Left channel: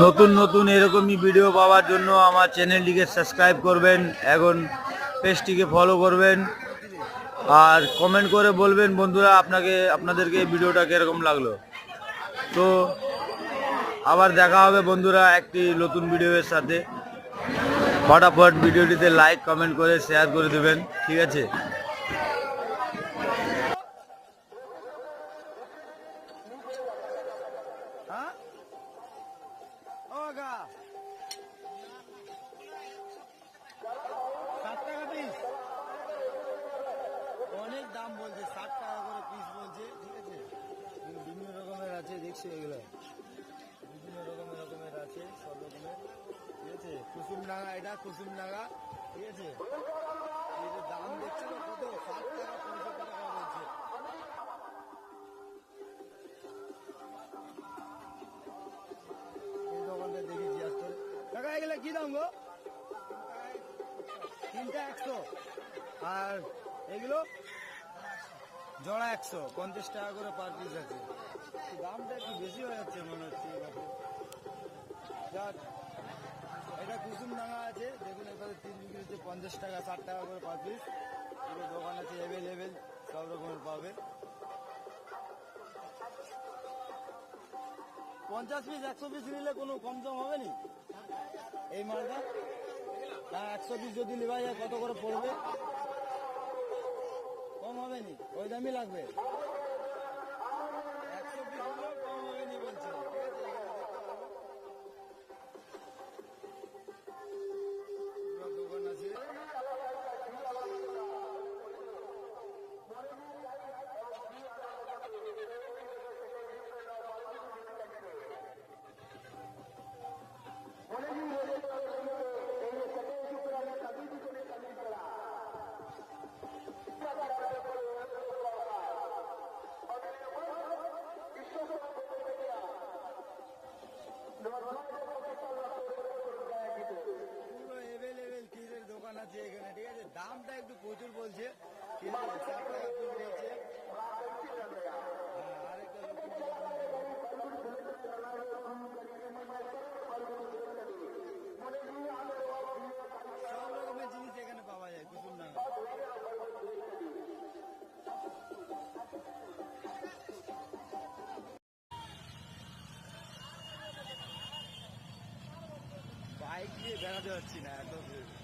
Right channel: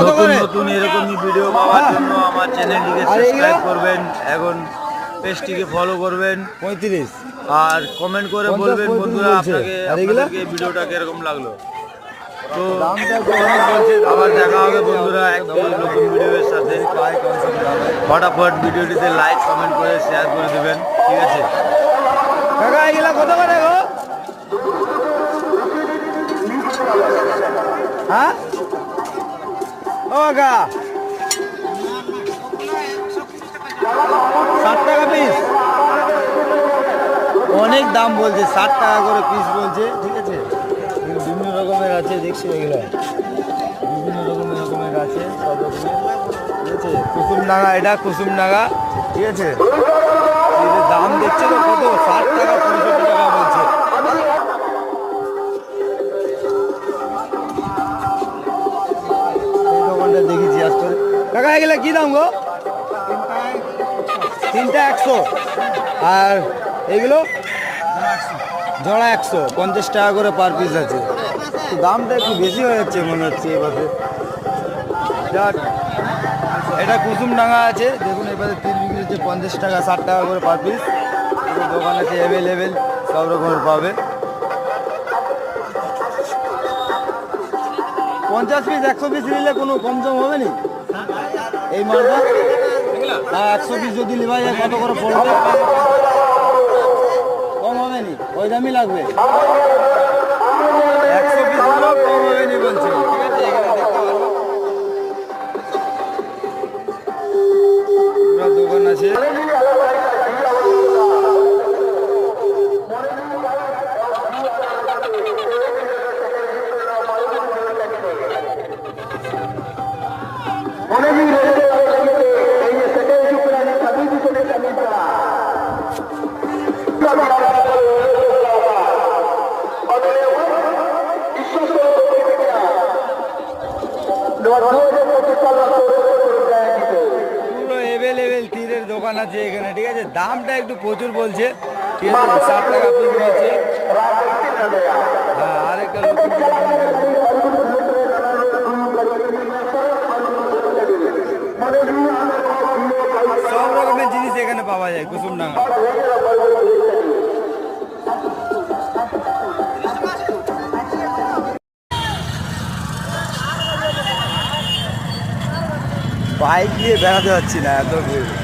নতুন নতুন এরকমই ভিডিও পাওয়ার জন্য আমার চ্যানেলটিকে সাবস্ক্রাইব করবেন, এখন পেজটিকে ফলো করবেন, 35 আর কমেন্ট করে বলবেন বন্ধুরা আপনাদেরকে এই ভিডিওটা কিরকম লাগলো। তো আবার দেখা হবে বন্ধুরা একটি নতুন ভিডিওর সাথে। ফটাফট ভিডিওটিতে লাইক কমেন্ট করে শেয়ার করে দেবেন, ঠিক আছে? হ্যাঁ ও গা 60 টাকা পিস, অনেক দাম বলছে, 60 টাকা করে পিস বলছে, ঠিক আছে? বিভিন্ন রকমের আছে, দেখছি এগুলো বিভিন্ন রকমের আছে, সব রকমের, ঠিক আছে? কুসুমডাঙ্গা, এটা কুসুমডাঙ্গা, ঠিক আছে? দাম দেখছে তো কত, 60 টাকা 65 টাকা বলছে। এই দোকানটা দেখেছি আজকে। কাকা এগুলো কি দাম গো? 3টা 100, আর এগুলো জোড়া 100, 50 টাকা করে পার পিস আছে। দামটা একটু বেশি হয়ে যাচ্ছে মনে হচ্ছে এবারে। এটা কুসুমডাঙ্গা আছে, দেখুন এবারে 3 বিক্রি হচ্ছে 50 টাকা, 60 টাকা করে পার পিস। দোকান আছে অ্যাভেলেবেল, সব রকমের পাবে। 50 পিস 100 পিস নিলে কোনো কম জম হবে নি এই মালটা? 100 পিস যদি নেওয়া যায় কত করে পড়বে? কম হবে নি, ওই দামই লাগবে। 100 পিস হলেও কম হবে নি বলছে, ঠিক আছে? এখানে দেখতে পারবো পুরো দোকান আছে। পুরো অ্যাভেলেবেল তীরের দোকান আছে এখানে, ঠিক আছে? দামটা একটু প্রচুর বলছে, ঠিক আছে? 60 টাকা পিস বলছে। হ্যাঁ, আরেকটা সব রকমের জিনিস এখানে পাওয়া যায় কুসুমডাঙ্গা। বাইক নিয়ে বেড়াতে পারছি না, এত ভিড়।